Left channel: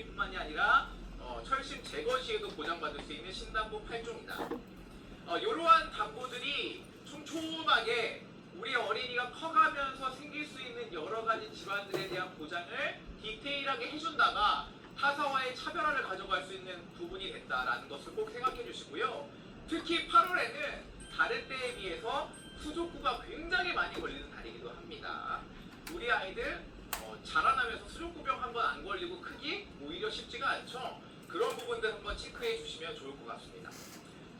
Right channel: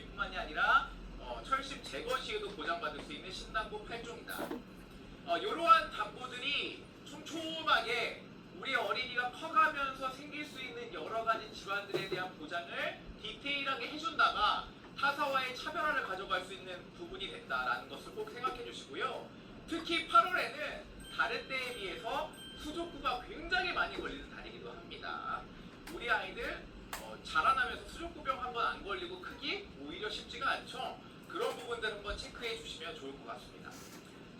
정비뿐만이 아니라 철심 제거 시에도 보장받을 수 있는 신담보 8종이다. 이러한 담보들이 촘촘하게 우리 어린이가 커가면서 생길 수 있는 여러 가지 질환들에 대한 보장을 디테일하게 해준다가 타사와의 차별화를 가져갈 수 있는 부분이 된다라는 것을 꼭 생각해 주시고요. 특히 8월에는 다른 때에 비해서 수족구가 굉장히 많이 걸리는 달이기도 합니다. 우리 아이들 자라나면서 수족구병 한번 안 걸리고 크기 오히려 쉽지가 않죠. 그런 부분들 한번 체크해 주시면 좋을 것 같습니다.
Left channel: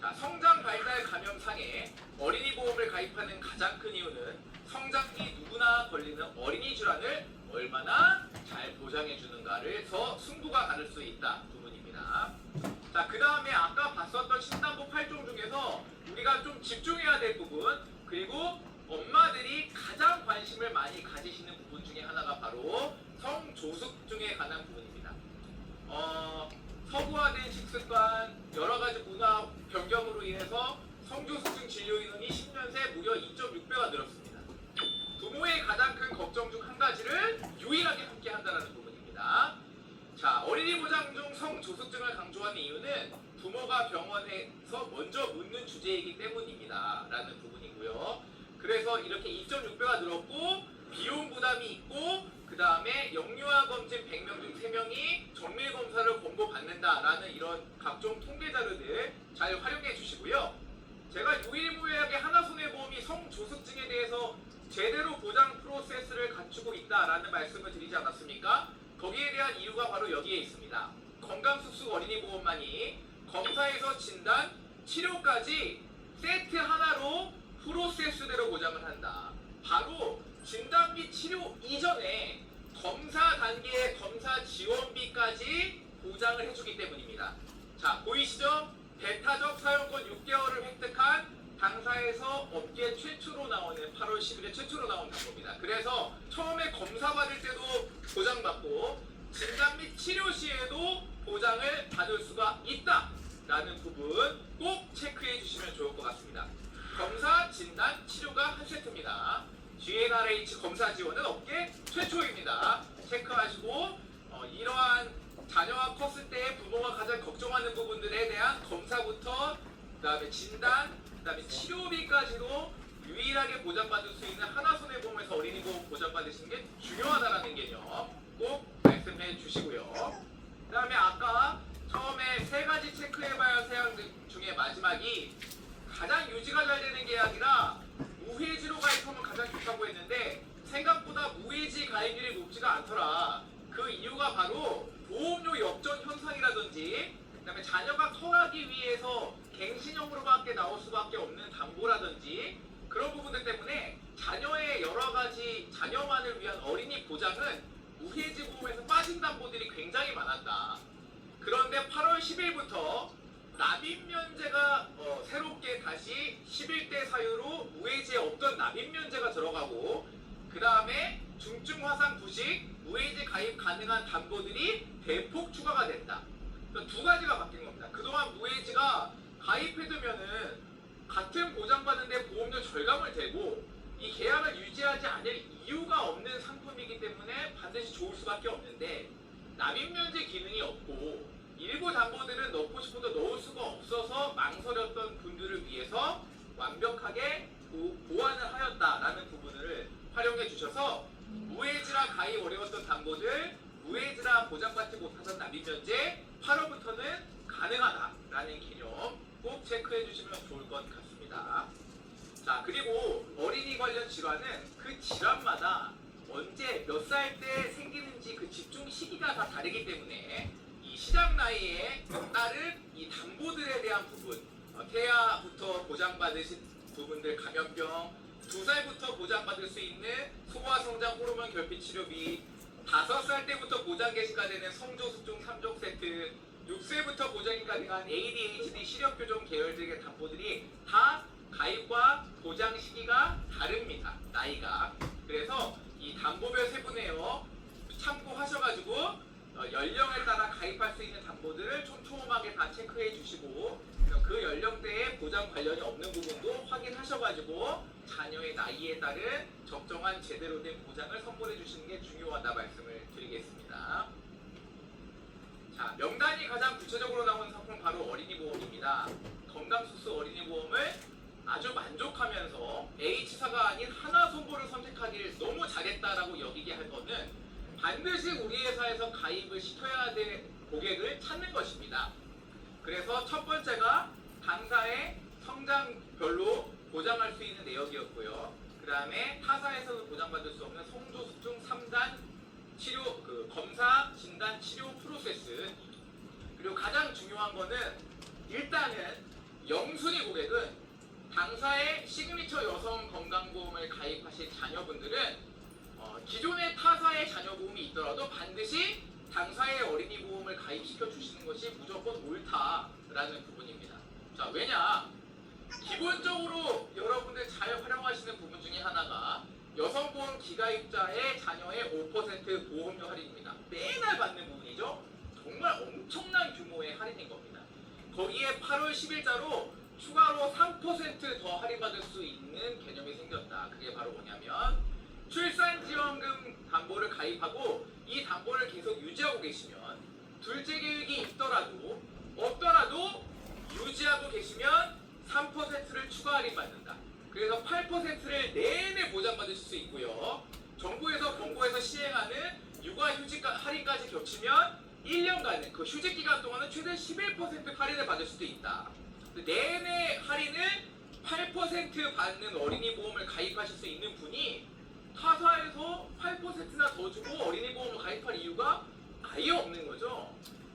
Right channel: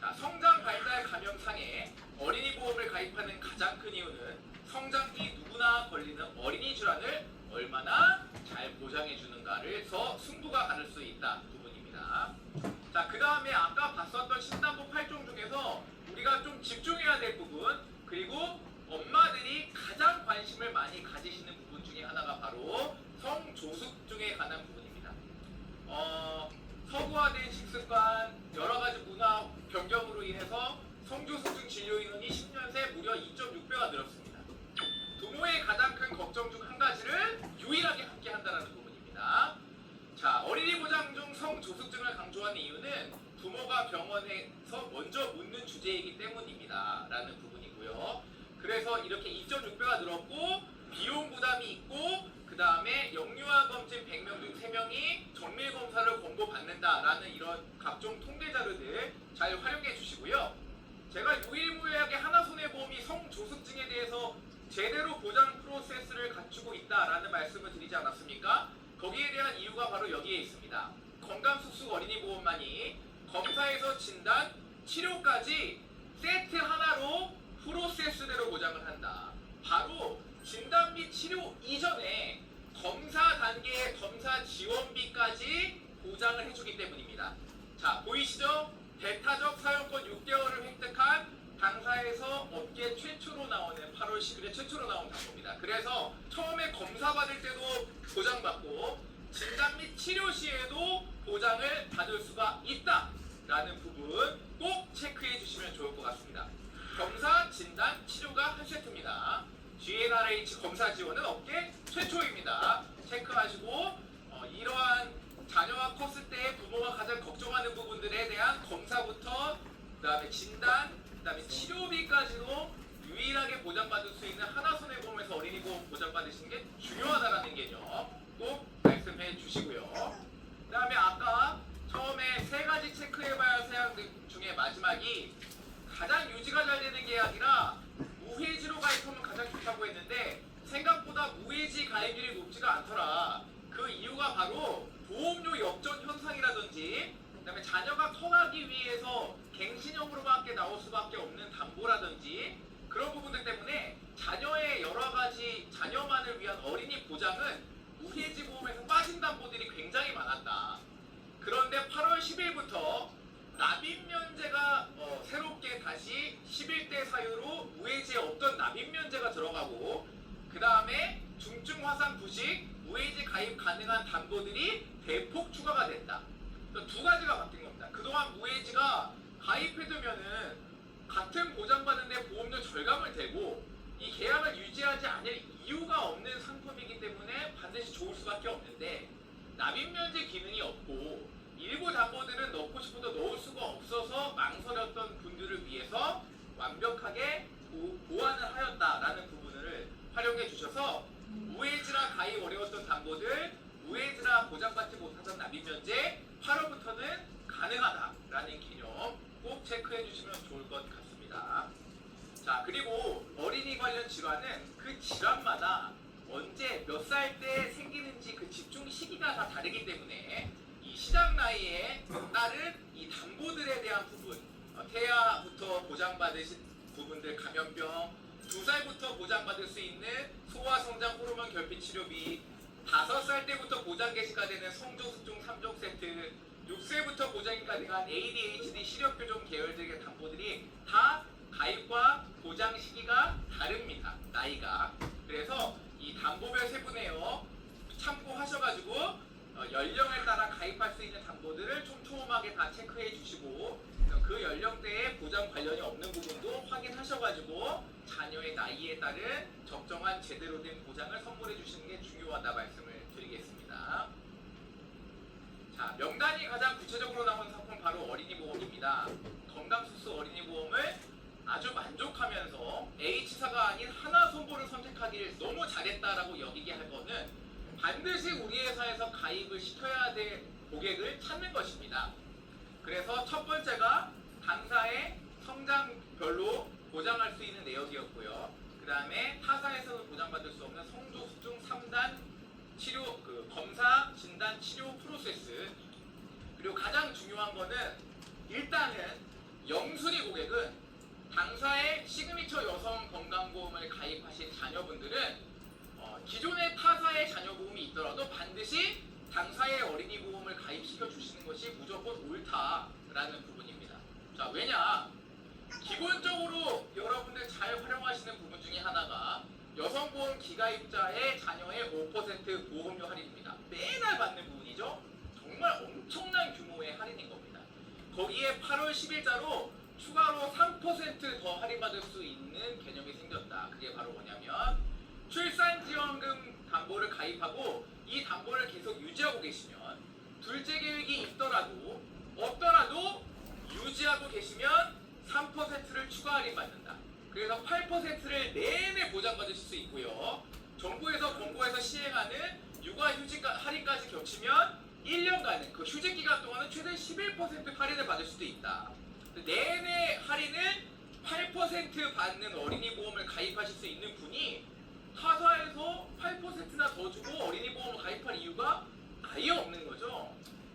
자, 성장 발달 감염상에 어린이 보험을 가입하는 가장 큰 이유는 성장기 누구나 걸리는 어린이 질환을 얼마나 잘 보장해 주는가를서 승부가 가를 수 있다 부분입니다. 자, 그 다음에 아까 봤었던 신담보 8종 중에서 우리가 좀 집중해야 될 부분, 그리고 엄마들이 가장 관심을 많이 가지시는 부분 중에 하나가 바로 성조숙증에 관한 부분입니다. 서구화된 식습관, 여러 가지 문화 변경으로 인해서 성조숙증 진료 인원이 10년 새 무려 2.6배가 늘었습니다. 부모의 가장 큰 걱정 중 한 가지를 유일하게 함께 한다는 부분입니다. 자, 어린이 보장 중 성조숙증을 강조하는 이유는 부모가 병원에서 먼저 묻는 주제이기 때문입니다. 라는 부분이고요. 그래서 이렇게 2.6배가 늘었고 비용 부담이 있고 그 다음에 영유아 검진 100명 중 3명이 정밀 검사를 권고받는다라는 이런 각종 통계 자료들 잘 활용해 주시고요. 제가 유일무이하게 하나손해보험이 성조숙증에 대해서 제대로 보장 프로세스를 갖추고 있다라는 말씀을 드리지 않았습니까? 거기에 대한 이유가 바로 여기에 있습니다. 건강숙숙 어린이보험만이 검사에서 진단, 치료까지 세트 하나로 프로세스대로 보장을 한다. 바로 진단 및 치료 이전에 검사 단계의 검사 지원비까지 보장을 해주기 때문입니다. 자, 보이시죠? 배타적 사용권 6개월을 획득한 당사에서 업계 최초로 나오는 8월 10일에 최초로 나온 광고입니다. 그래서 처음에 검사 받을 때도 보장받고 진단 및 치료 시에도 보장을 받을 수가 있다라는 부분 꼭 체크해 주시면 좋을 것 같습니다. 검사, 진단, 치료가 한 세트입니다. GNRH 검사 지원은 업계 최초입니다. 체크하시고 이러한 자녀가 컸을 때 부모가 가장 걱정하는 부분들에 대한 검사부터 그 다음에 진단, 그 다음에 치료비까지도 유일하게 보장받을 수 있는 하나손해보험에서 어린이보험 보장받으시는 게 중요하다는 개념 꼭 말씀해 주시고요. 그 다음에 아까 처음에 3가지 체크해봐야 할 사항 중에 마지막이 가장 유지가 잘 되는 계약이라 무해지로 가입하면 가장 좋다고 했는데 생각보다 무해지 가입률이 높지가 않더라. 그 이유가 바로 보험료 역전 현상이라든지 그다음에 자녀가 커가기 위해서 갱신형으로밖에 나올 수밖에 없는 담보라든지 그런 부분들 때문에 자녀의 여러 가지 자녀만을 위한 어린이 보장은 무해지 보험에서 빠진 담보들이 굉장히 많았다. 그런데 8월 10일부터 납입면제가 새롭게 다시 11대 사유로 무해지에 없던 납입면제가 들어가고 그 다음에 중증 화상 부식 무해지 가입 가능한 담보들이 대폭 추가가 됐다. 2가지가 바뀐 겁니다. 그동안 무해지가 가입해두면은 같은 보장받는데 보험료 절감을 대고 이 계약을 유지하지 않을 이유가 없는 상품이기 때문에 반드시 좋을 수밖에 없는데 납입면제 기능이 없고 일부 담보들은 넣고 싶어도 넣을 수가 없어서 망설였던 분들을 위해서 완벽하게 보완을 하였다라는 부분을 활용해 주셔서 무해지라 가입 어려웠던 담보들, 무해지라 보장받지 못하던 납입면제 8월부터는 가능하다라는 개념 꼭 체크해 주시면 좋을 것 같습니다. 자, 그리고 어린이 관련 질환은 그 질환마다 언제 몇 살 때 생기는지 그 집중 시기가 다 다르기 때문에 이 시작 나이에 따른 이 담보들에 대한 부분, 태아부터 보장받으신 부분들 감염병, 2살부터 보장받을 수 있는 소아성장 호르몬 결핍 치료비, 5살 때부터 보장 개시가 되는 성조숙증 3종 세트, 6세부터 보장이 가능한 ADHD 시력교정 계열들의 담보들이 다 가입과 보장 시기가 다릅니다. 나이가. 그래서 이 담보별 세분화요 참고하셔가지고 연령에 따라 가입할 수 있는 담보들을 촘촘하게 다 체크해 주시고 그 연령대에 보장 관련이 없는 부분도 확인하셔가지고 자녀의 나이에 따른 적정한 제대로 된 보장을 선물해 주시는 게 중요하다 말씀을 드리겠습니다. 명단이 가장 구체적으로 나온 상품 바로 어린이 보험입니다. 건강수수 어린이 보험을 아주 만족하면서 H사가 아닌 하나손보를 선택하기를 너무 잘했다라고 여기게 할 거는 반드시 우리 회사에서 가입을 시켜야 될 고객을 찾는 것입니다. 그래서 첫 번째가 당사의 성장별로 보장할 수 있는 내역이었고요. 그 다음에 타사에서는 보장받을 수 없는 성조숙중 3단 치료, 검사, 진단, 치료 프로세스. 그리고 가장 중요한 거는 일단은 영순위 고객은 당사의 시그니처 여성 건강보험을 가입하신 자녀분들은 기존의 타사의 자녀보험이 있더라도 반드시 당사의 어린이 보험을 가입시켜 주시는 것이 무조건 옳다라는 부분입니다. 자, 왜냐? 기본적으로 여러분들 잘 활용하시는 부분 중에 하나가 여성보험 기가입자의 자녀의 5% 보험료 할인입니다. 매달 받는 부분이죠. 정말 엄청난 규모의 할인인 겁니다. 거기에 8월 10일자로 추가로 3% 더 할인받을 수 있는 개념이 생겼다. 그게 바로 뭐냐면 출산지원금 담보를 가입하고 이 담보를 계속 유지하고 계시면 둘째 계획이 있더라도 없더라도 유지하고 계시면 3%를 추가 할인받는다. 그래서 8%를 내내 보장받으실 수 있고요. 정부에서 권고해서 시행하는 육아휴직 할인까지 겹치면 1년간은 그 휴직 기간 동안은 최대 11% 할인을 받을 수도 있다. 내내 할인을 8% 받는 어린이 보험을 가입하실 수 있는 분이 타사에서 8%나 더 주고 어린이 보험을 가입할 이유가 아예 없는 거죠.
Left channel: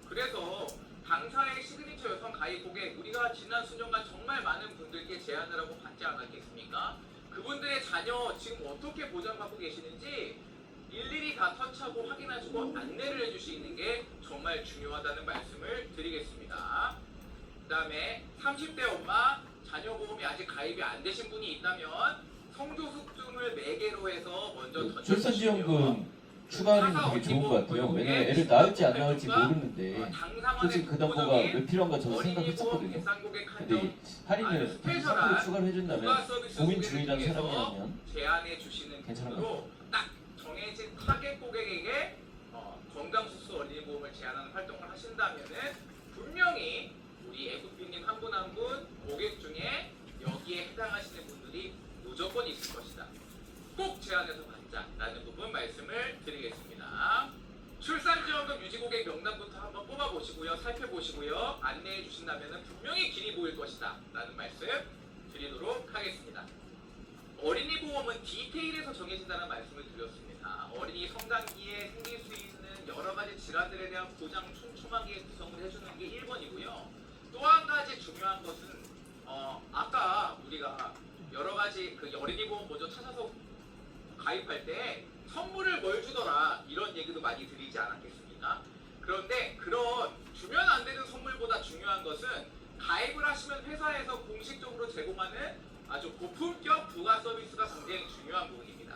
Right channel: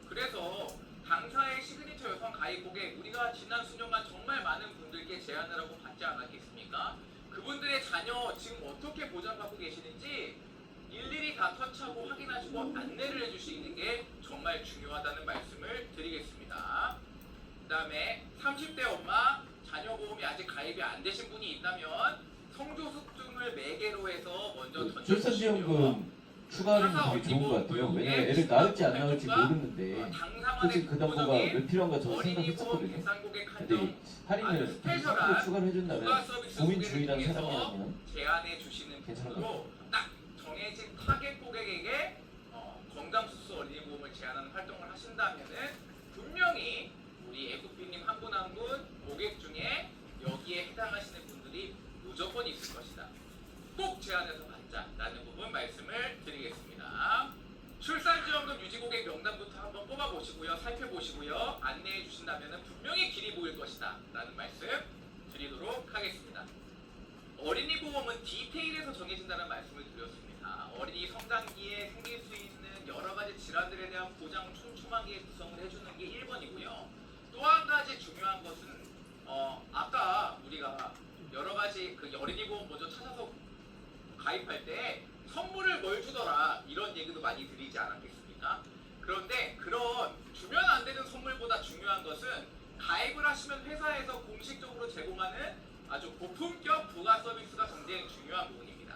그래서 당사의 시그니처 여성 가입 고객, 우리가 지난 수년간 정말 많은 분들께 제안을 하고 받지 않았겠습니까? 그분들의 자녀 지금 어떻게 보장받고 계시는지 일일이 다 터치하고 확인하시고 안내를 해줄 수 있는 게 정말 중요하다는 말씀을 드리겠습니다. 그 다음에 30대 엄마 자녀 보험이 아직 가입이 안 되신 분이 있다면 성조숙증을 매개로 해서 먼저 출산지원금 추가 할인이 되게 좋은 것 같아요. 왜냐면 애를 낳을지 안 낳을지 모르는데 솔직히 그 담보가 왜 필요한가 저도 생각했었거든요. 근데 할인을 10% 추가를 해준다면 고민 중이라는 사람이라면 제안해 주시는 괜찮은 것 분으로 딱 정해진 타겟 고객에게 건강수수 어린이 보험을 제안하는 활동을 하신다면은 분명히 우리 애국빈님 한 분 한 분 고객 중에 여기에 해당하시는 분들이 무조건 있을 것이다. 꼭 제안해서 받자라는 부분 말씀을 드리겠습니다. 출산지원금 유지 고객 명단부터 한번 뽑아보시고요. 살펴보시고요. 안내해 주신다면 분명히 길이 보일 것이다 라는 말씀 드리도록 하겠습니다. 어린이 보험은 디테일에서 정해진다는 말씀을 드렸습니다. 어린이 성장기에 생길 수 있는 여러 가지 질환들에 대한 보장 촘촘하게 구성을 해주는 게 1번이고요. 또 한 가지 중요한 것은 아까 우리가 여러 가지 그 어린이 보험 먼저 찾아서 가입할 때 선물을 뭘 주더라 이런 얘기도 많이 드리지 않았겠습니까? 그런데 그런 주면 안 되는 선물보다 중요한 것은 가입을 하시면 회사에서 공식적으로 제공하는 아주 고품격 부가 서비스가 굉장히 중요한 부분입니다.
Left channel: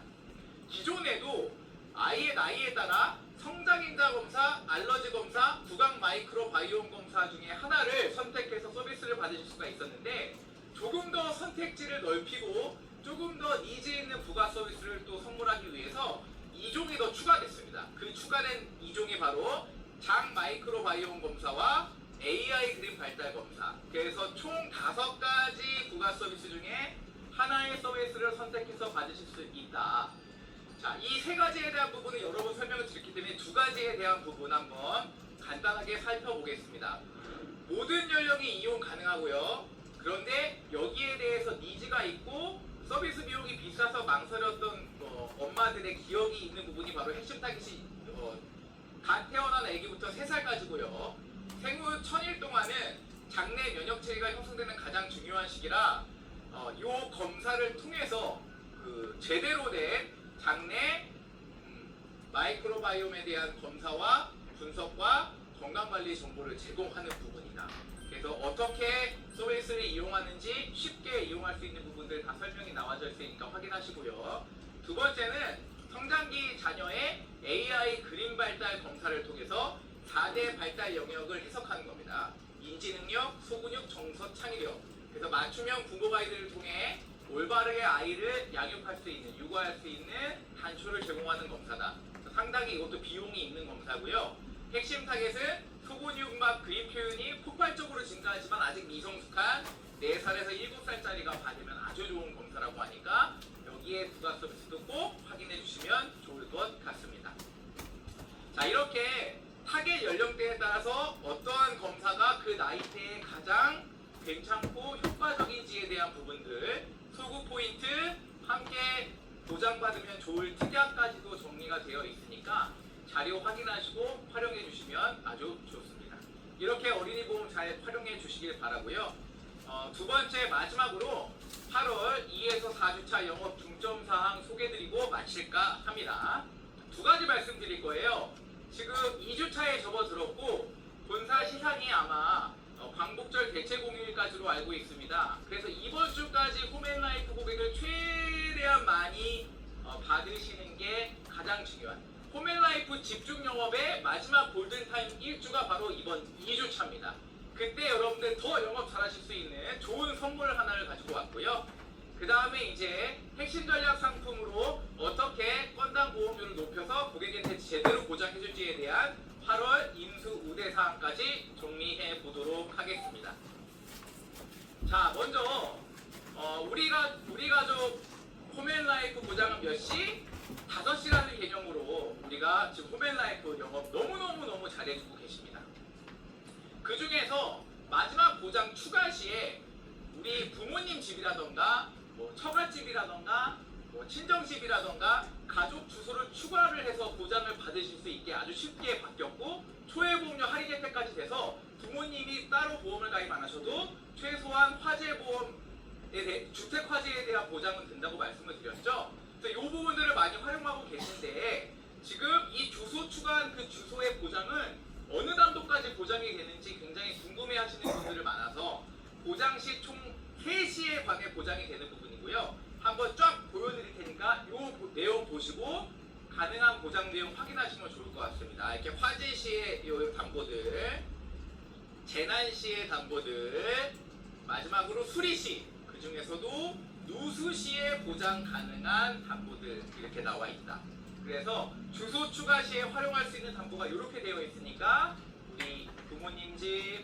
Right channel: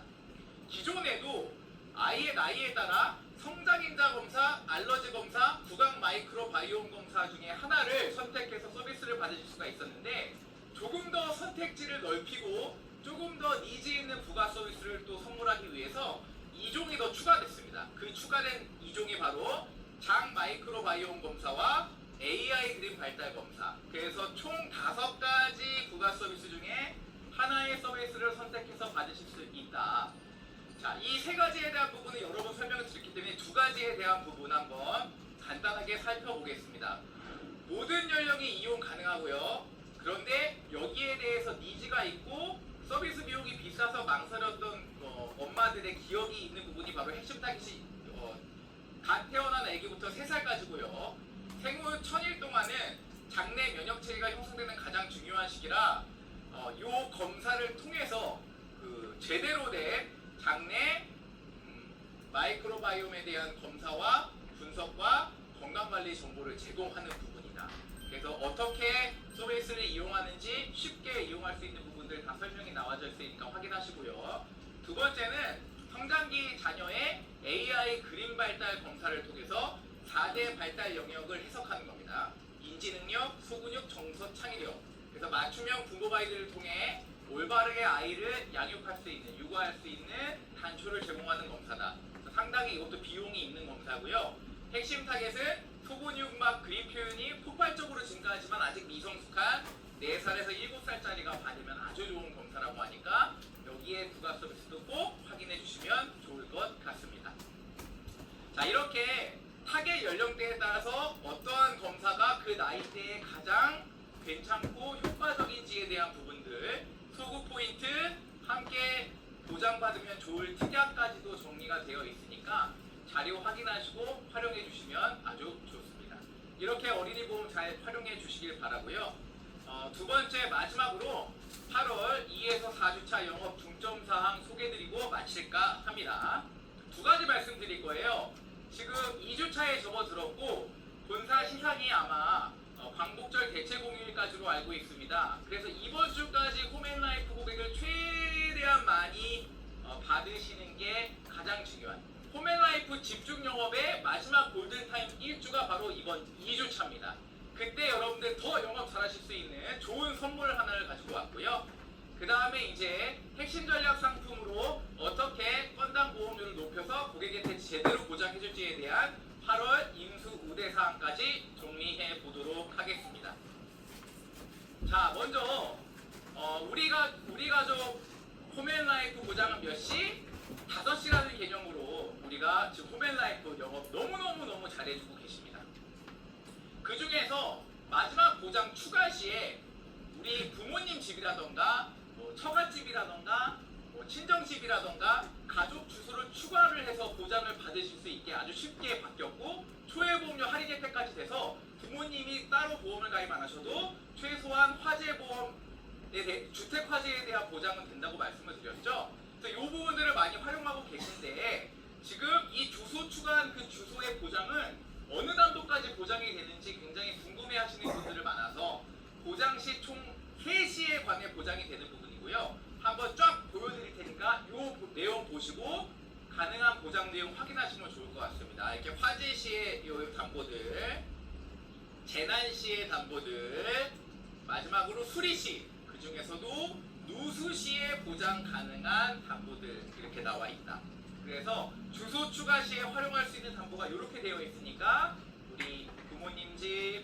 기존에도 아이의 나이에 따라 성장인자 검사, 알러지 검사, 구강 마이크로 바이옴 검사 중에 하나를 선택해서 서비스를 받으실 수가 있었는데 조금 더 선택지를 넓히고 조금 더 니즈 있는 부가 서비스를 또 선물하기 위해서 2종이 더 추가됐습니다. 그 추가된 2종이 바로 장 마이크로 바이옴 검사와 AI 그림 발달 검사. 그래서 총 5가지 부가 서비스 중에 하나의 서비스를 선택해서 받으실 수 있다. 자, 이 3가지에 대한 부분은 여러 번 설명을 드렸기 때문에 2가지에 대한 부분 한번 간단하게 살펴보겠습니다. 모든 연령이 이용 가능하고요. 그런데 여기에 대해서 니즈가 있고 서비스 비용이 비싸서 망설였던 엄마들의 기억이 있는 부분이 바로 핵심 타깃이 갓 태어난 아기부터 3살까지고요. 생후 1000일 동안은 장내 면역 체계가 형성되는 가장 중요한 시기라 이 검사를 통해서 제대로 된 장내 마이크로바이옴에 대한 검사와 분석과 건강관리 정보를 제공하는 부분이다. 그래서 어떻게 서비스를 이용하는지 쉽게 이용할 수 있는 부분들 다 설명이 나와져 있으니까 확인하시고요. 두 번째는 성장기 자녀의 AI 그림 발달 검사를 통해서 4대 발달 영역을 해석하는 겁니다. 인지능력, 소근육, 정서, 창의력. 그래서 맞춤형 부모 가이드를 통해 올바르게 아이를 양육할 수 있는, 육아할 수 있는 단초를 제공하는 검사다. 상당히 이것도 비용이 있는 검사고요. 핵심 타겟은 소근육 혈압, 그립 표현이 폭발적으로 증가하지만 아직 미성숙한 4살에서 7살짜리가 받으면 아주 좋은 검사라고 하니까 여기에 부가 서비스도 꼭 확인해 주시면 좋을 것 같습니다. 자, 이렇게 타겟 연령대에 따라서 어떠한 검사가 그 나이대에 가장 괜찮고 효과적인지에 대한 부분들, 소구 포인트, 함께 보장받으면 좋을 특약까지도 정리가 되어 있으니까 자료 확인하시고 활용해 주시면 아주 좋습니다. 이렇게 어린이 보험 잘 활용해 주시길 바라고요. 두 번째 마지막으로 8월 2에서 4주차 영업 중점사항 소개드리고 마칠까 합니다. 두 가지 말씀드릴 거예요. 지금 2주차에 접어들었고 본사 시상이 아마 광복절 대체 공휴일까지로 알고 있습니다. 그래서 이번 주까지 홈앤라이프 고객을 최대한 많이 받으시는 게 가장 중요한 홈앤라이프 집중 영업의 마지막 골든타임 1주가 바로 이번 2주차입니다. 그때 여러분들 더 영업 잘하실 수 있는 좋은 선물 하나를 가지고 왔고요. 그 다음에 이제 핵심 전략 상품으로 어떻게 건당 보험료를 높여서 고객한테 제대로 보장해줄지에 대한 8월 인수 우대 사항까지 정리해 보도록 하겠습니다. 자, 먼저 우리 가족 홈앤라이프 보장은 몇 시? 5시라는 개념으로 우리가 지금 홈앤라이프 영업 너무 잘해주고 계십니다. 그 중에서 마지막 보장 추가 시에 우리 부모님 집이라던가 처갓집이라던가 친정집이라던가 가족 주소를 추가를 해서 보장을 받으실 수 있게 아주 쉽게 바뀌었고 초회보험료 할인 혜택까지 돼서 부모님이 따로 보험을 가입 안 하셔도 최소한 화재보험에 대해 주택 화재에 대한 보장은 된다고 말씀을 드렸죠. 그래서 이 부분들을 많이 활용하고 계신데 지금 이 주소 추가한 그 주소의 보장은 어느 단도까지 보장이 되는지 굉장히 궁금해하시는 분들이 많아서 보장 시 총 3시에 관해 보장이 되는 부분이고요. 한번 쫙 보여드릴 테니까 이 내용 보시고 가능한 보장 내용 확인하시면 좋을 것 같습니다. 이렇게 화재 시의 이 담보들, 재난 시의 담보들, 마지막으로 수리 시, 그 중에서도 누수 시에 보장 가능한 담보들 이렇게 나와 있다. 그래서 주소 추가 시에 활용할 수 있는 담보가 이렇게 되어 있으니까 우리 부모님 집,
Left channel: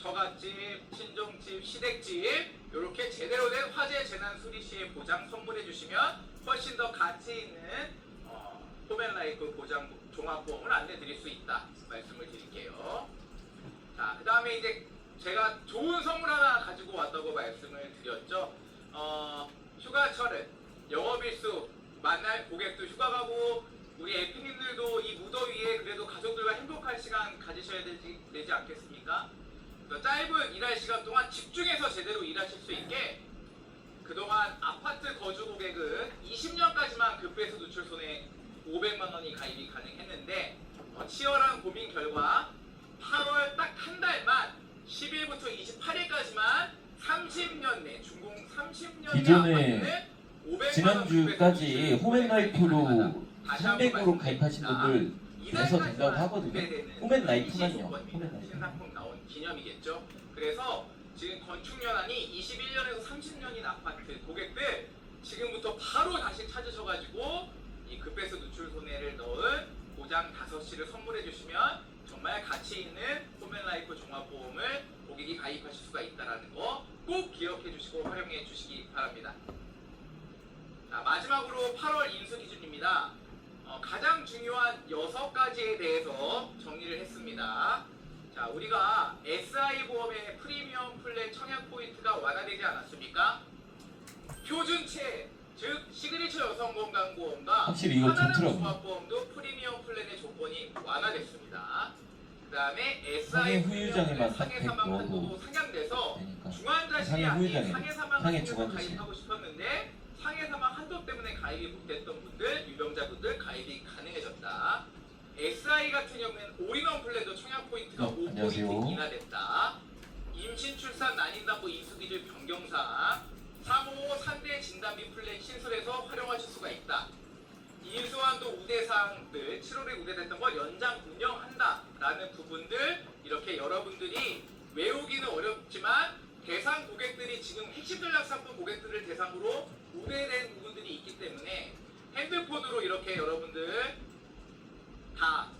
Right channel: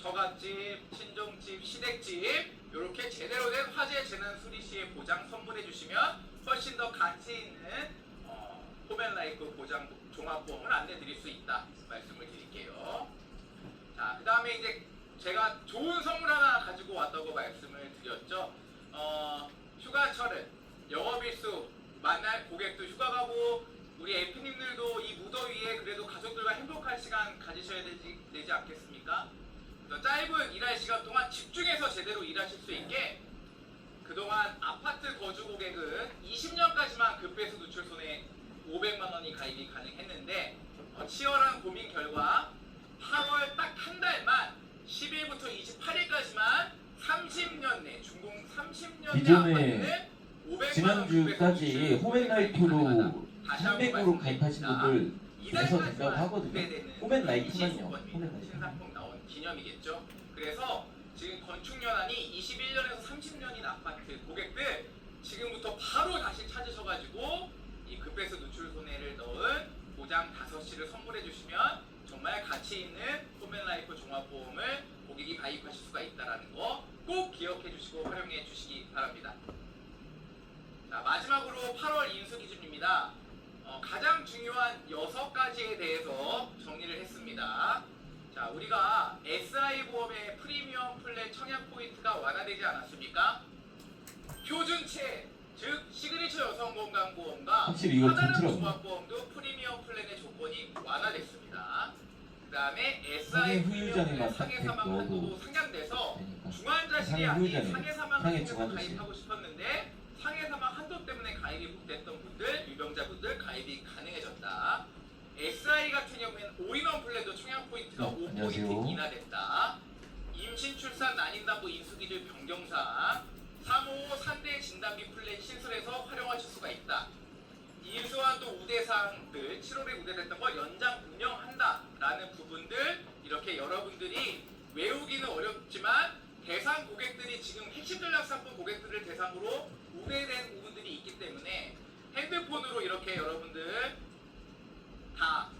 처갓집, 친정집, 시댁집 이렇게 제대로 된 화재 재난 수리 시에 보장 선물해 주시면 훨씬 더 가치 있는 홈앤라이프 보장 종합보험을 안내 드릴 수 있다 말씀을 드릴게요. 자, 그 다음에 이제 제가 좋은 선물 하나 가지고 왔다고 말씀을 드렸죠. 휴가철은 영업일수 만날 고객도 휴가 가고 우리 에피님들도 이 무더위에 그래도 가족들과 행복한 시간 가지셔야 되지 않겠습니까? 짧은 일할 시간 동안 집중해서 제대로 일하실 수 있게 그동안 아파트 거주 고객은 20년까지만 급배수 누출 손해 500만 원이 가입이 가능했는데 치열한 고민 결과 8월 딱 한 달만 10일부터 28일까지만 30년 내 중공 30년 기존에 지난주까지 홈앤라이프로 300으로 가입하신 분들 해서 된다고 하거든요. 홈앤라이프만요. 홈앤라이프. 신상품 나온 기념이겠죠. 그래서 지금 건축연한이 21년에서 30년인 아파트 고객들 지금부터 바로 다시 찾으셔가지고 이 급배수 누출 손해를 넣은 보장 5시를 선물해 주시면 정말 가치 있는 홈앤라이프 종합보험을 고객이 가입하실 수가 있다는 거 꼭 기억해 주시고 활용해 주시기 바랍니다. 자, 마지막으로 8월 인수 기준입니다. 가장 중요한 6가지에 대해서 정리를 했습니다. 자, 우리가 SI보험의 프리미엄 플랜 청약 포인트가 완화되지 않았습니까? 표준체, 즉 시그니처 여성건강보험과 확실히 이거 하나는 좋더라고요. 종합보험도 프리미엄 플랜의 조건이 완화됐습니다. 그 다음에 상해 SI 후유장애만 상해 딱 사망 넣어도 한도도 상향돼서 되니까. 중환자실이 상해 아닌 후유장애, 상해 사망 상해 중에서 중환자실. 가입하고 싶었는데 상해 사망 한도 때문에 가입이 못됐던 분들, 유병자분들 가입이 가능해졌다. SI 같은 경우에는 올인원 플랜도 청약 포인트가 5포인트 안녕하세요. 인하됐다. 임신, 출산, 난임담보 인수기준 변경사항 3호 3대 진단비 플랜 신설해서 활용하실 수가 있다. 인수한도 우대사항들 7월에 우대됐던 걸 연장 운영한다라는 부분들 이렇게 여러분들이 외우기는 어렵지만 대상 고객들이 지금 핵심 전략 상품 고객들을 대상으로 우대된 부분들이 있기 때문에 핸드폰으로 이렇게 여러분들 다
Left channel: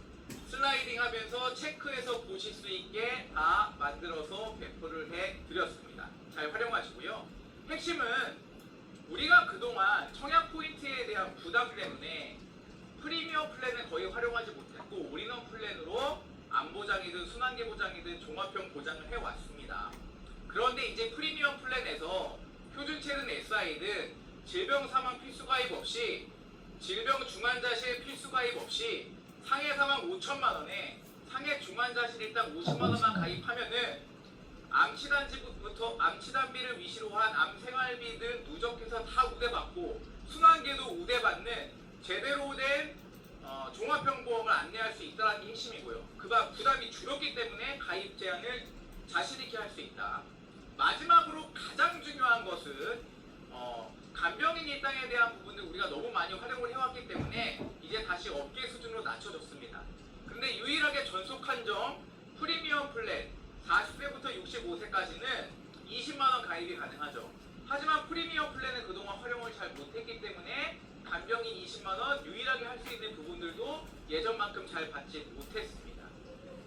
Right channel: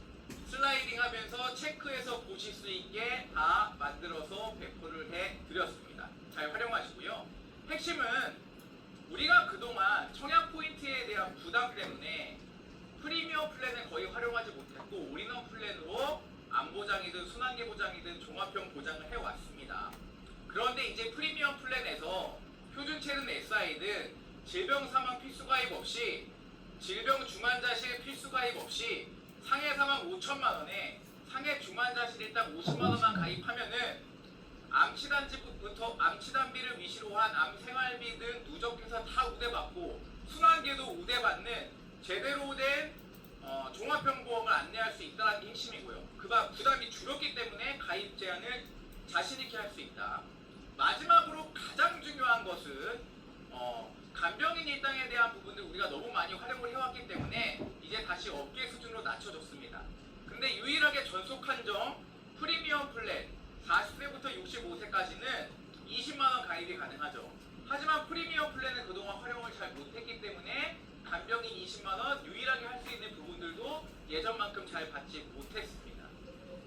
슬라이딩 하면서 체크해서 보실 수 있게 다 만들어서 배포를 해드렸습니다. 잘 활용하시고요. 핵심은 우리가 그동안 청약 포인트에 대한 부담 때문에 프리미엄 플랜을 거의 활용하지 못했고 올인원 플랜으로 안보장이든 순환계 보장이든 종합형 보장을 해왔습니다. 그런데 이제 프리미엄 플랜에서 표준체든 SI든 질병 사망 필수 가입 없이 질병 중환자실 필수 가입 없이 상해 사망 5천만 원에 상해 중환자실에 딱 50만 원만 가입하면은 암치단지부터 암치단비를 위시로 한 암생활비 등 누적해서 다 우대받고 순환계도 우대받는 제대로 된 종합형 보험을 안내할 수 있다는 게 핵심이고요. 그가 부담이 줄었기 때문에 가입 제한을 자신 있게 할 수 있다. 마지막으로 가장 중요한 것은 간병인 일당에 대한 부분들 우리가 너무 많이 활용을 해왔기 때문에 이제 다시 업계 수준으로 낮춰졌습니다. 근데 유일하게 전속한 점 프리미엄 플랜 40세부터 65세까지는 20만 원 가입이 가능하죠. 하지만 프리미엄 플랜은 그동안 활용을 잘 못했기 때문에 간병인 20만 원 유일하게 할 수 있는 부분들도 예전만큼 잘 받지 못했습니다.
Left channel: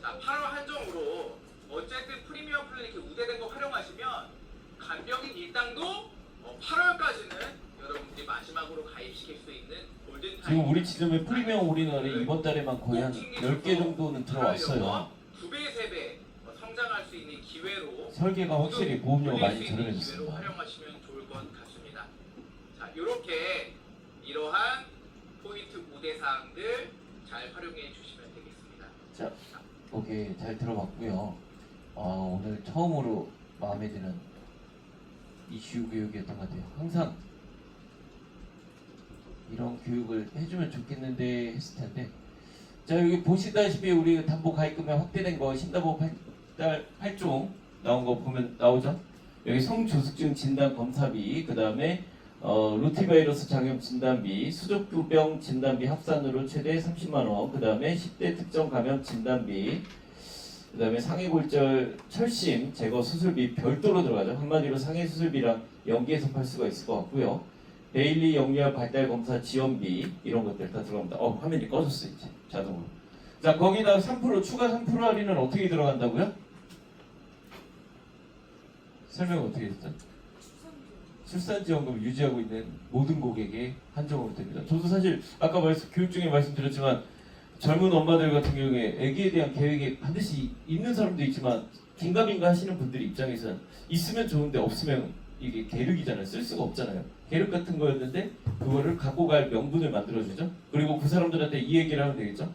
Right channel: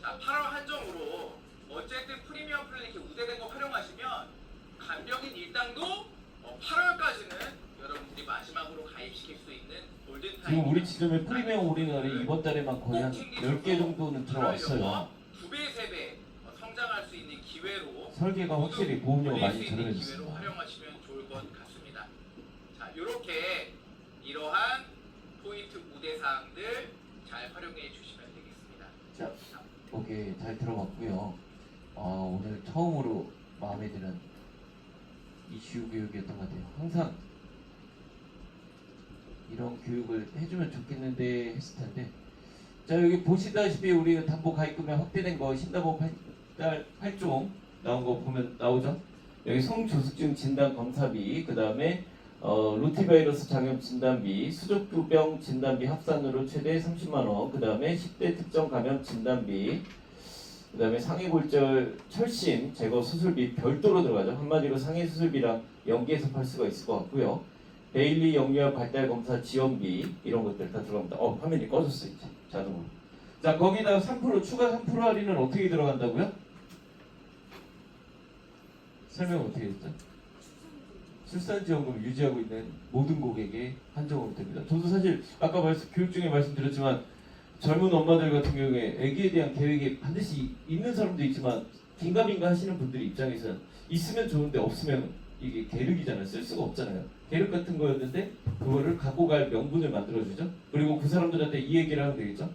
자, 8월 한정으로 어쨌든 프리미엄 플랜 이렇게 우대된 거 활용하시면 간병인 일당도 8월까지는 여러분들이 마지막으로 가입시킬 수 있는 골든타임. 지금 우리 지점에 프리미엄 올인원이 이번 달에만 거의 한 10개 정도는 들어왔어요. 2배, 3배 성장할 수 있는 기회로 설계가 확실히 보험료가 많이 올릴 수 있는 기회로 저렴해졌습니다. 활용하시면 좋을 것 같습니다. 자, 이렇게 이러한 포인트 우대 사항들 잘 활용해 주시면 되겠습니다. 자, 오케이, 잘 들어봤고요. 오늘 처음으로 마음에 드는 이슈 교육이었던 것 같아요. 항상 이런 교육을 해주면 좋겠는데 했을 텐데, 자, 여기 보시다시피 우리 담보 가입금액 확대된 거 신담보 8종 나온 거 보면 나오죠. 여기 성조숙증 진단 검사비, 그 다음에 루티바이러스 장염 진단비, 수족부병 진단비 합산으로 최대 30만 원, 그 다음에 10대 특정 감염 진단비, 그 다음에 상해골절 철심 제거 수술비 별도로 들어가죠. 한마디로 상해 수술비랑 연계해서 팔 수가 있을 것 같고요. 데일리 영유아 발달 검사 지원비 이런 것들 다 들어갑니다. 화면이 꺼졌어 이제 자동으로. 자, 거기다 3% 추가 3% 할인은 어떻게 들어간다고요? 설명 어떻게 했죠? 출산지원금 유지하고 있는 모든 고객에 한정으로 됩니다. 저도 사실 아까 교육 중에 말씀드렸지만 젊은 엄마들 같은 경우에 아기에 대한 계획이 반드시 있는 사람도 있지만 긴가민가 하시는 분들 입장에서는 있으면 좋은데 없으면 이게 계륵이잖아요. 쓸 수가 없잖아요. 계륵 같은 거였는데 그거를 갖고 갈 명분을 만들어주죠. 그리고 그 사람들한테 이 얘기를 하면 되겠죠.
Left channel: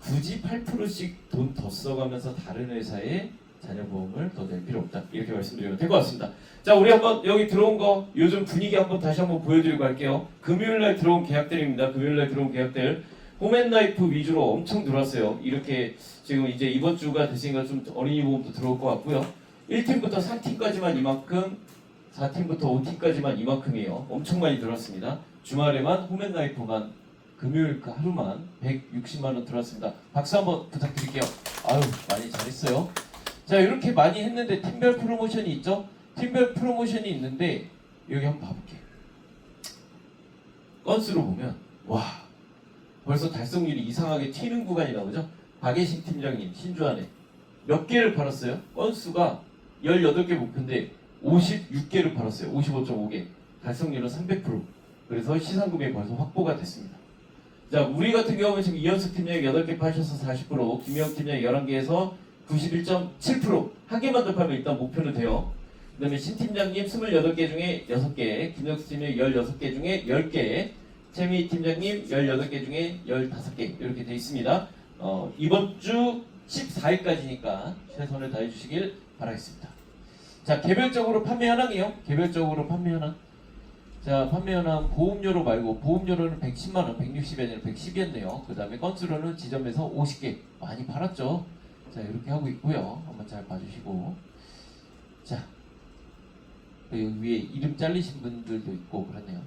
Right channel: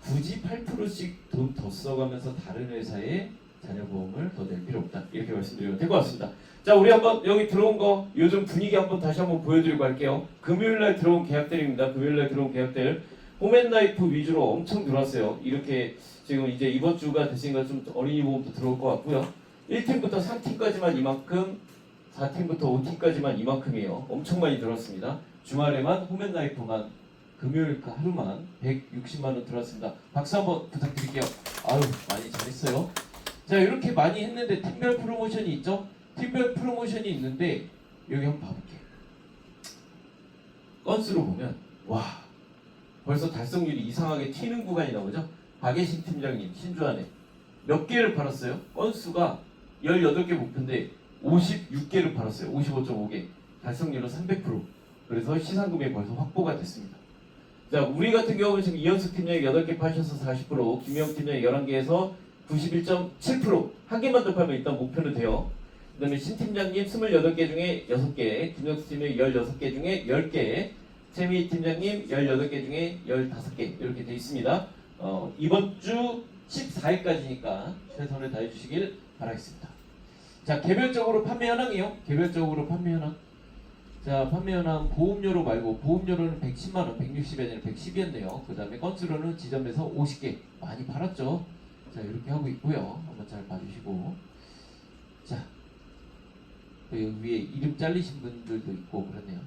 굳이 8%씩 돈 더 써가면서 다른 회사에 자녀보험을 더 낼 필요 없다. 이렇게 말씀드리면 될 것 같습니다. 자, 우리 한번 여기 들어온 거 요즘 분위기 한번 다시 한번 보여드리고 할게요. 금요일날 들어온 계약들입니다. 금요일날 들어온 계약들 홈앤라이프 위주로 엄청 들어왔어요. 이렇게 지금 이제 이번 주가 됐으니까 좀 어린이 보험도 들어올 것 같고요. 1팀부터 3팀까지만 이만큼, 4팀부터 5팀까지만 이만큼이에요. 엄청 많이 들어왔습니다. 주말에만 홈앤라이프만 금요일 그 하루만 160만 원 들어왔습니다. 박수 한번 부탁드릴게요. 아유, 많이 잘했어요. 자, 이렇게 많이 했는데 팀별 프로모션이 있죠? 팀별 프로모션이 있는데 여기 한번 봐볼게요. 건수로 보면 와, 벌써 달성률이 이상하게 튀는 구간이 나오죠? 박예신 팀장님 신주안에 몇 개를 팔았어요? 건수가 18개 목표인데 56개를 팔았어요. 55.5개. 달성률은 300%. 그래서 시상금이 벌써 확보가 됐습니다. 자, 우리 같은 경우는 지금 이현숙 팀장이 8개 파셔서 40%, 김영 팀장이 11개에서 91.7%. 한 개만 더 팔면 일단 목표는 돼요. 그 다음에 신 팀장님 28개 중에 6개, 김영수 팀장님 16개 중에 10개, 최미 팀장님 18개 중에 15개 이렇게 되어 있습니다. 이번 주 14일까지니까 최선을 다해주시길 바라겠습니다. 자, 개별적으로 판매 현황이요. 개별적으로 판매 현황. 자, 판매 현황 보험료로 말고 보험료로는 110만원, 160이 아니라 110이었네요. 그 다음에 건수로는 지점에서 50개 많이 팔았죠. 자, 이렇게 하고 있고요. 한번 잘 봐주시고. 자, 여기 위에 이름 잘리신 분들도 있고 그렇네요.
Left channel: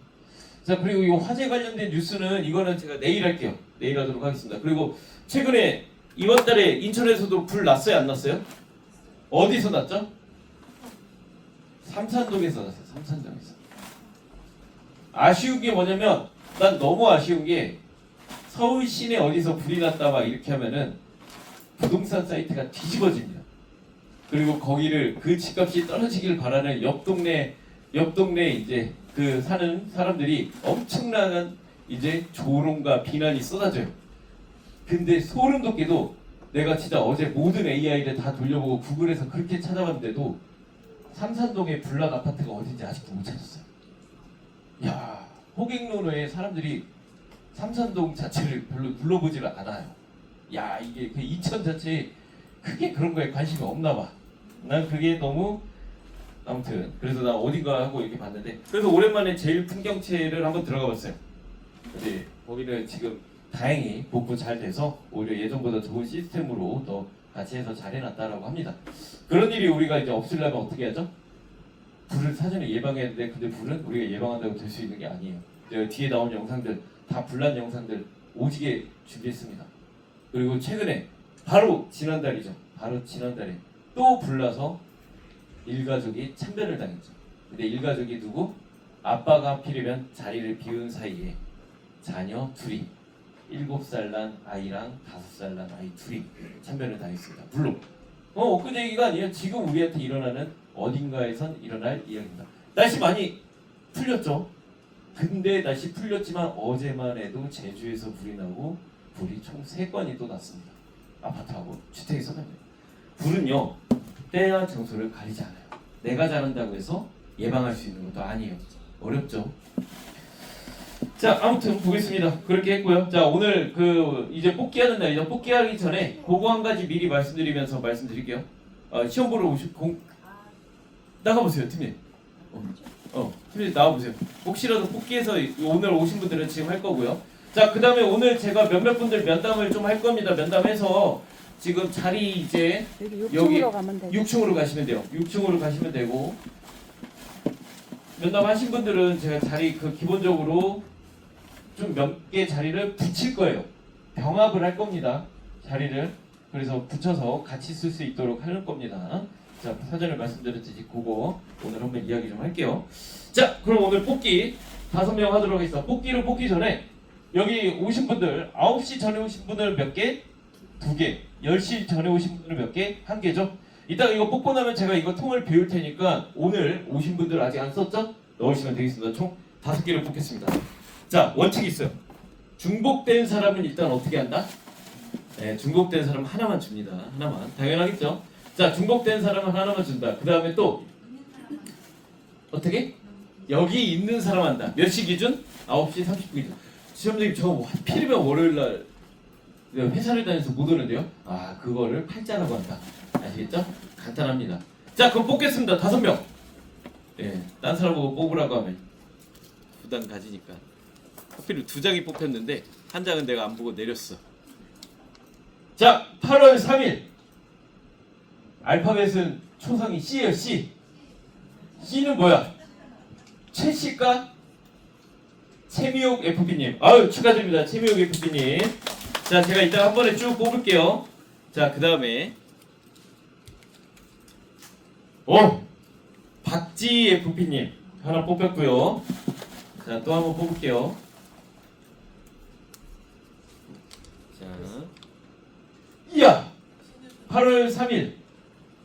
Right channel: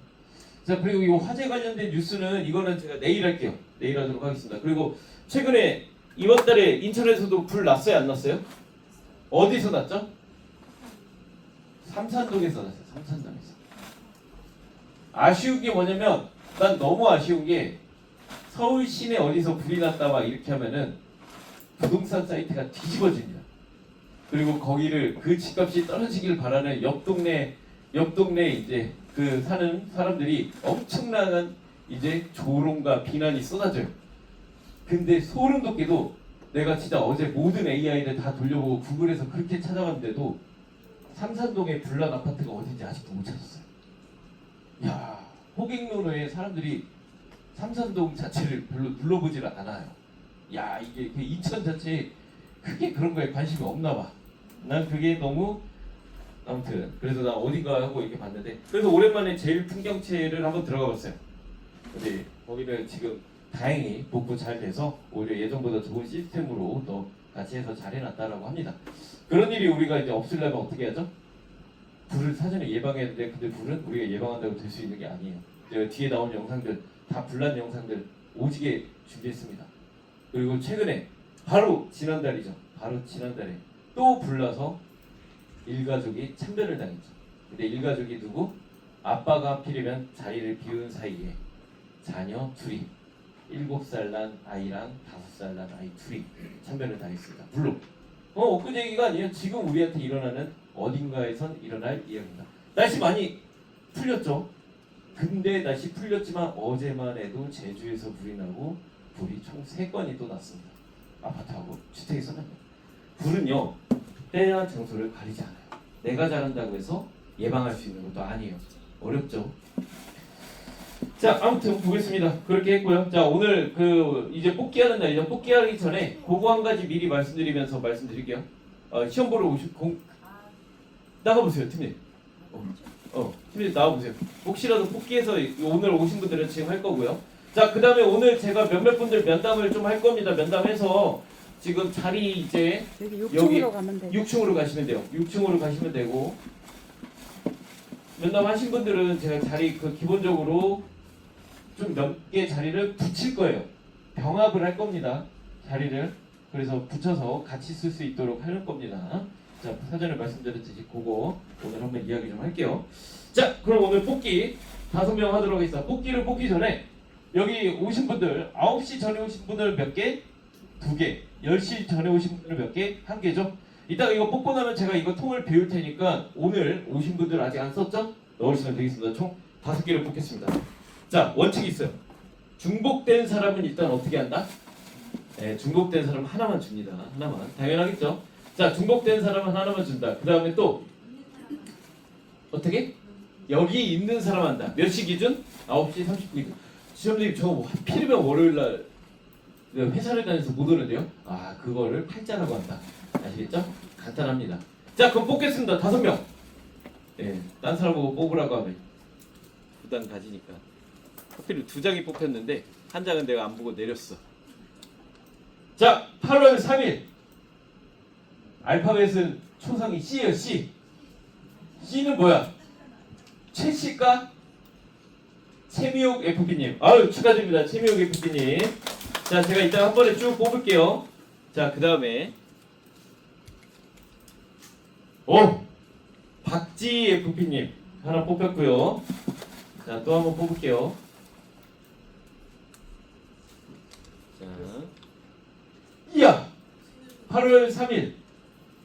자, 그리고 이 화재 관련된 뉴스는 이거는 제가 내일 할게요. 내일 하도록 하겠습니다. 그리고 최근에 이번 달에 인천에서도 불 났어요, 안 났어요? 어디서 났죠? 삼산동에서 났어요. 삼산동에서. 아쉬운 게 뭐냐면 난 너무 아쉬운 게 서울 시내 어디서 불이 났다 막 이렇게 하면은 부동산 사이트가 뒤집어집니다. 그리고 거기를 그 집값이 떨어지길 바라는 옆 동네 이제 그 사는 사람들이 엄청난 이제 조롱과 비난이 쏟아져요. 근데 소름 돋게도 내가 진짜 어제 모든 AI를 다 돌려보고 구글에서 그렇게 찾아봤는데도 삼산동의 불난 아파트가 어딘지 아직도 못 찾았어요. 야, 호객노노에 사람들이 삼산동 자체를 별로 눌러보지를 않아요. 야, 이게 그 이천 자체에 크게 그런 거에 관심이 없나 봐. 난 그게 너무 아무튼 그래서 나 어딘가 하고 이렇게 봤는데 그래서 오랜만에 제일 풍경채를 한번 들어가 봤어요. 근데 거기는 지금 다행히 복구 잘 돼서 오히려 예전보다 좋은 시스템으로 더 같이 해서 잘 해놨다라고 합니다. 그런 일이 우리가 이제 없으려면 어떻게 하죠? 불을 사전에 예방해야 되는데 근데 불은 우리가 예방한다고 될 수 있는 게 아니에요. 제가 뒤에 나온 영상들 다 불난 영상들 오지게 준비했습니다. 그리고 최근에 바로 지난달에 또 불나서 일가족이 참변을 당했죠. 근데 일가족이 누구? 아빠가 하필이면 자리를 비운 사이에 자녀 둘이 7살 난 아이랑 5살 난 아이 둘이 참변을 당했습니다. 물론 엊그제 얘기가 아니에요. 지금 우리한테 일어나는 어딘가에선 일어날 이야기입니다. 날씨 많이 풀렸죠. 근데 날씨 풀렸지만 어제만 해도 제주에서 불이 나고 불이 총 3건이 또 났습니다. 아파트하고 주택에서는 불은요 때와 장소를 가리지 않아요. 내가 잘한다고 해서 예방할 수 있는 것도 아니에요. 어렵죠. 자, 아무튼 보겠습니다. 그렇게 했고요. 자, 오늘 그 이제 뽑기하는 날이죠. 뽑기하기 전에 그거 한 가지 미리 말씀드리면서 말씀드릴게요. 시험 보러 나가보세요, 팀님. 팀님 나와보세요. 혹시라도 뽑기해서 오늘 오신 분들은 지금 할 거고요. 자, 그 다음에 오늘 제가 몇몇 분들 면담을 좀 할 겁니다. 면담해서 지금 자리 이제 여기 6층으로 가시면 돼요. 6층으로 가시면 되고 면담하신 분들은 제가 자리 그 기본적으로 좀 몇 개 자리를 붙일 거예요. 병합을 할 겁니다. 자리를 그래서 붙여서 같이 쓸 수 있도록 하는 겁니다. 자, 사전에 말씀드렸듯이 그거 오늘 한번 이야기 좀 할게요. 자, 그럼 오늘 뽑기 5명 하도록 하겠습니다. 뽑기를 뽑기 전에 여기 오신 분들 9시 전에 오신 분들 몇 개? 2개. 10시 전에 오신 분들은 몇 개? 1개죠. 이따가 이거 뽑고 나면 제가 이거 통을 배울 테니까 오늘 오신 분들 아직 안 썼죠? 넣으시면 되겠습니다. 총 5개를 뽑겠습니다. 자, 원칙이 있어요. 중복된 사람은 일단 어떻게 한다? 네, 중복된 사람 하나만 줍니다. 하나만. 당연하겠죠? 자, 중복된 사람은 하나만 준다. 그 다음에 또 어떻게? 여기 있는 사람 한다. 몇 시 기준? 9시 30분. 시험장님 저 하필이면 월요일날 회사를 다녀서 못 오는데요. 아, 그거를 팔자라고 한다. 아시겠죠? 간단합니다. 자, 그럼 뽑겠습니다. 5명. 예, 딴 사람 보고 뽑으라고 하면 부담 가지니까. 하필 2장이 뽑혔는데 한 장은 내가 안 보고 내렸어. 자, 8월 3일. 알파벳은 초성이 C예요. C. C는 뭐야? 최씨가 최미옥 FP님. 아유, 축하드립니다. 최미옥 FP님. 자, 제가 이따 한 번에 쭉 뽑을게요. 자, 그 다음에 박지 FP님 하나 뽑혔고요. 자, 또 한번 뽑을게요. 자, 이야, 8월 3일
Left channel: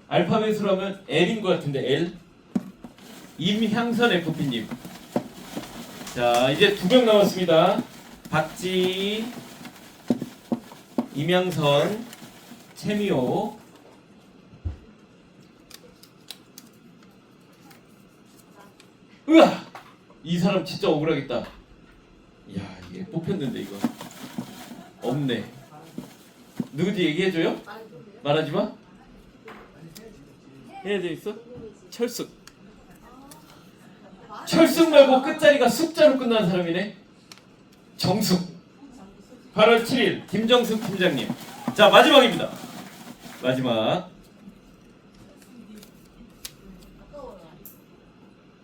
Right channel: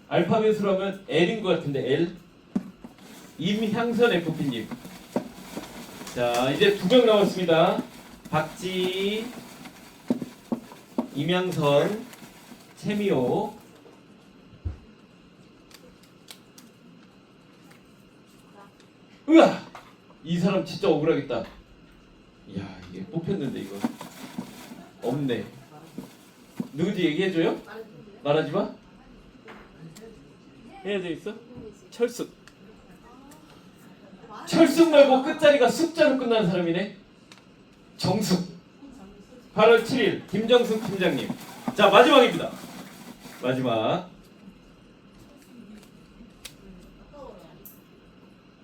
알파벳으로 하면 L인 것 같은데 L. 임향선 FP님. 자, 이제 2명 남았습니다. 박지, 임향선, 최미호. 으아! 이 사람 진짜 억울하겠다. 이야, 이게 뽑혔는데 이거 없네. 누구지 얘기해줘요? 말하지 마. 해야 돼 있어? 철숙. 철숙 말고 끝자리가 숙자로 끝나는 사람이네. 정숙. 8월 7일 김정숙 팀장님. 자, 마지막입니다. 마지막.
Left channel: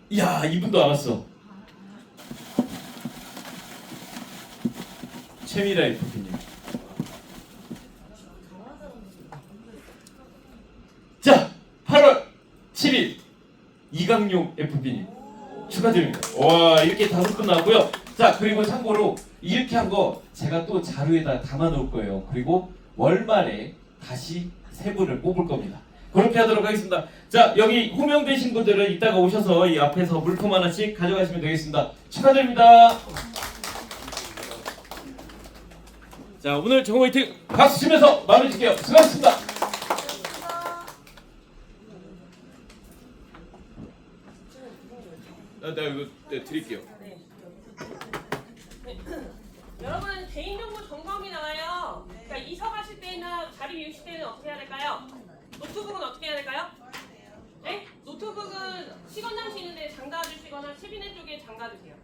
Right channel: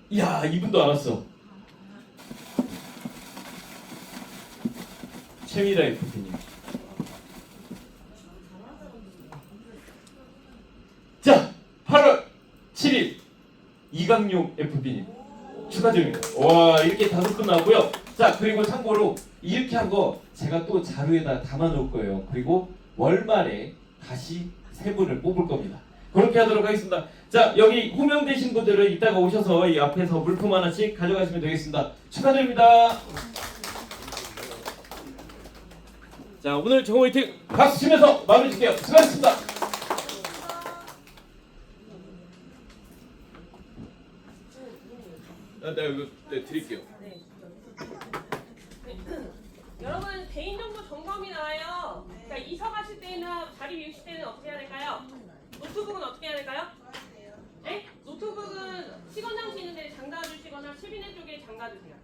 이야, 이분도 알았어. 최미라 FP님. 자, 8월 7일 이강용 FP님. 축하드립니다. 와, 이렇게 5분 나왔고요. 자, 그리고 참고로 이렇게 한 거 제가 또 자료에다 담아 놓을 거예요. 그리고 월말에 다시 세 분을 뽑을 겁니다. 그렇게 하도록 하겠습니다. 자, 여기 호명되신 분들은 이따가 오셔서 이 앞에서 물품 하나씩 가져가시면 되겠습니다. 축하드립니다. 자, 오늘 정호 화이팅 박수 치면서 마무리 짓게요. 수고하셨습니다. 나 이거 드릴게요. 여러분 개인정보 점검이 나와요. 그러니까 이사 가실 때나 자리 비우실 때는 어떻게 해야 될까요? 노트북은 어떻게 해야 될까요? 네? 노트북은 시건장치 있는데 장가 주시거나 10인의 쪽에 장가 주세요.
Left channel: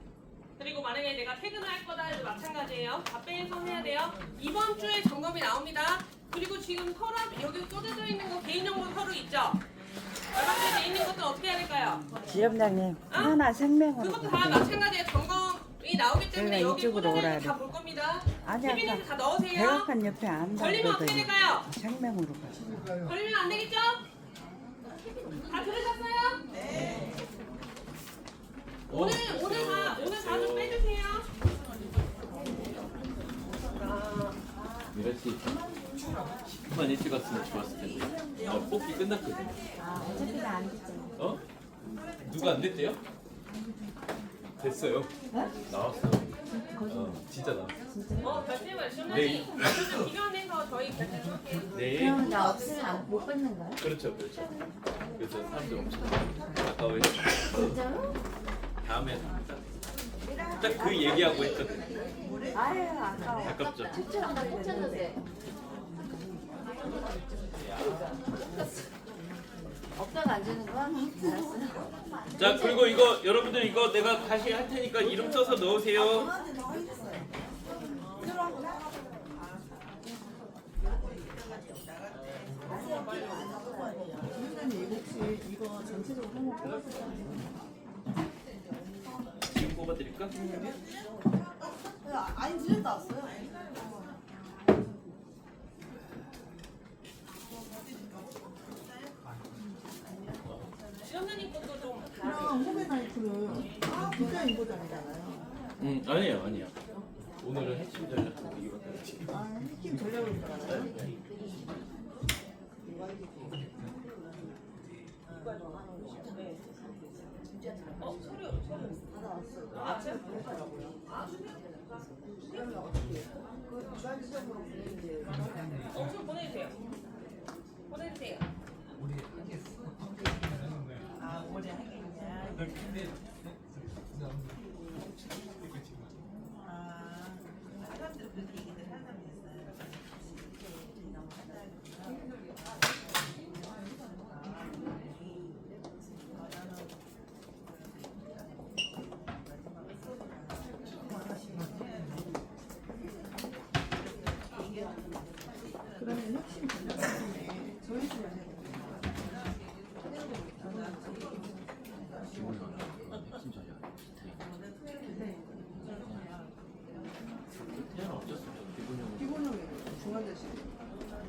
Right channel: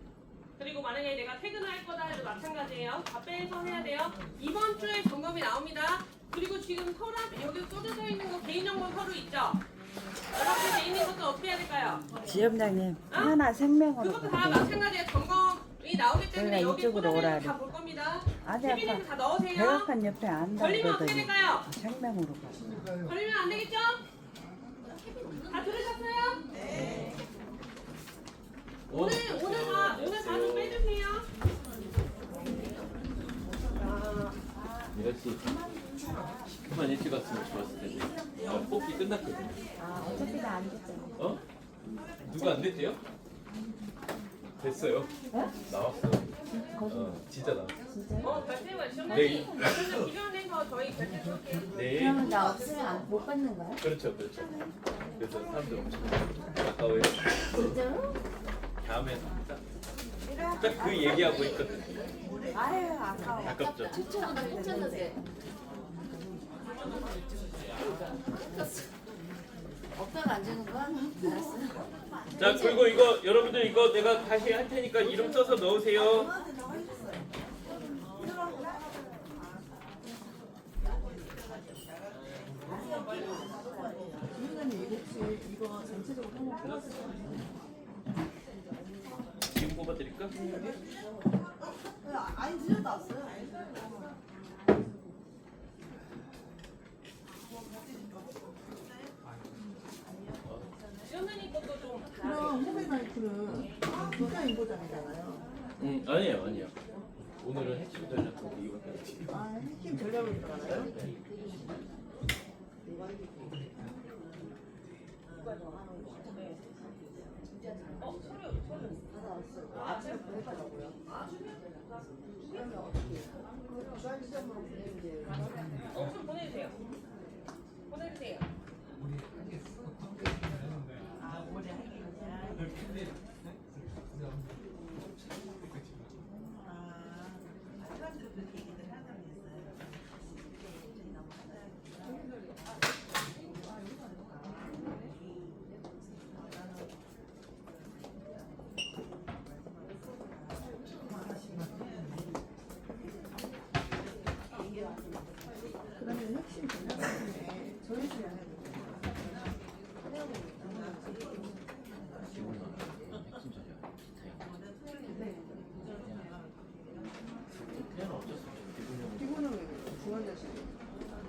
그리고 만약에 내가 퇴근을 할 거다 해도 마찬가지예요. 답변해서 해야 돼요. 이번 주에 점검이 나옵니다. 그리고 지금 서랍 여기 꽂아져 있는 거 개인정보 서류 있죠? 여러분이 돼 있는 것도 어떻게 해야 될까요? 지점장님 하나 생명으로 그것도 다 가세요. 마찬가지예요. 점검이 나오기 때문에 저희가 여기 이쪽으로 오라 꽂아져 있는 그래. 거다볼 겁니다. 아니 아까 세빈이도 다 넣으세요. 백악관 옆에 안다 걸리면 어떻게 그러더니 될까요? 생명으로 가세요. 걸리면 안 되겠죠? 다 들으셨어요? 네. 오늘 다 좀 빼주세요. 미라 씨, 그만 일찍 왔으면 좋았을 텐데. 뽑기 끝났거든. 어차피 나안 됐잖아. 어? 누가 안 됐대요? 됐어요. 나왔어. 진짜 나왔어. 결제만 네. 주문이 필요해서 저희 결제할게요. 네. 그러면 나 없으면 못 받는 거야? 그렇죠. 그래서 사람들 엄청 가까워요. 진짜로? 다음에 딱 그 얘기하고 했거든. 아유 아까워. 아깝죠. 추천 나 꽂혔는데. 없다가 안 주는 거야? 알았어. 자, 그리고 이거 여러분들 이거 내가 다시 할 테니까 이름 써서 넣으세요. 지금 뽑아드릴까? 지원자님 것도 좀 그럼 후배 나이트는 진짜 인보잖아요. 아니에요. 오늘은 핵심 전략 이거밖에 안 지. 아, 핵심 전략을 알아요? 좀 보내주세요. 보내주세요. 그러면 핵심 전략 중에 저희 주변에 태어나 어쩔 수 없죠. 기본적으로 기본은 왜 그래요? 중환자실.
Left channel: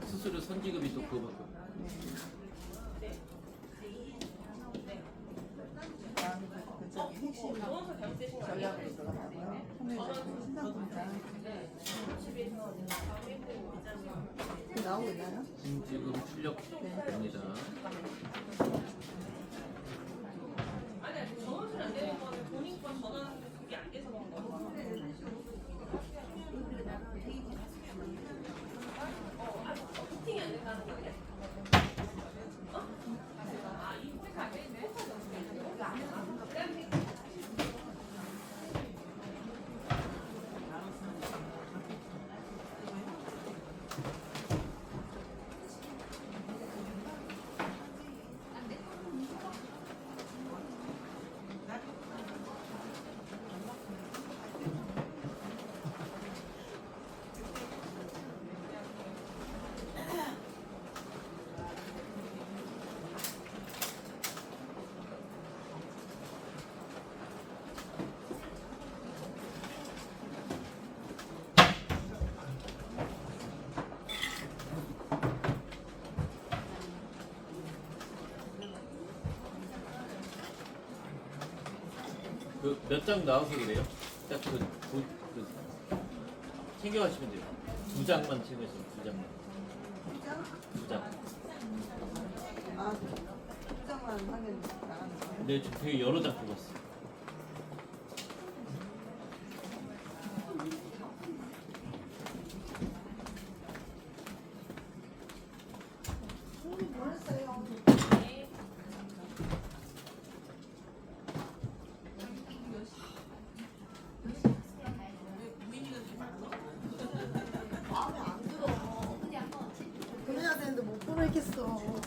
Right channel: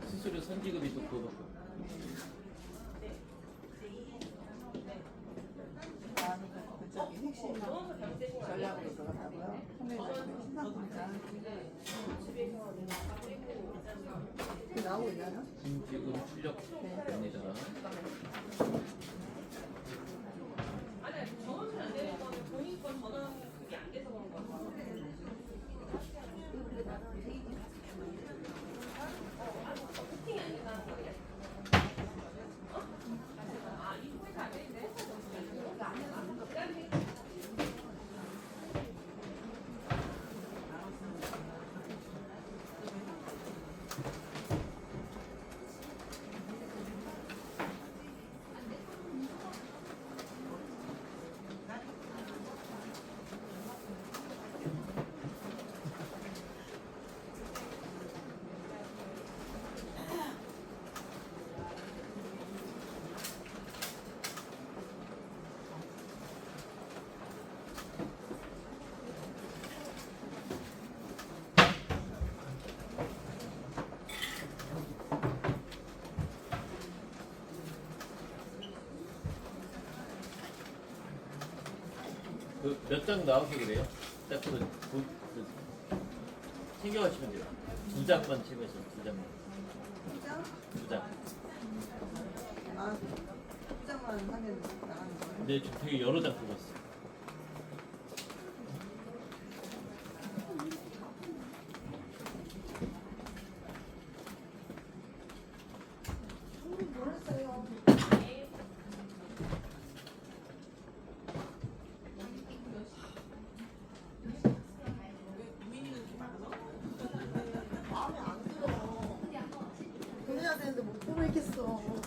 스스로 선지급이 또 그거밖에 없어요. 그 저기 핵심 전략으로 들어가고요. 후배 나이트 신상분장. 그 나오고 있나요? 선지급 출력입니다. 아니, 전원은 안 되는 거는 본인 건 전원 그게 안 돼서 그런 거예요. 세팅이 안 된다는 거예요? 아, 이 회사 안 되는데? 그 몇 장 나와서 그래요? 챙겨가시면 돼요. 2장만 챙겨주세요. 2장만. 진짜? 2장. 아, 진짜만 하면 나가는 거야? 근데 좀 되게 여러 장 뽑았어. 그래야 되는데 못 보겠어.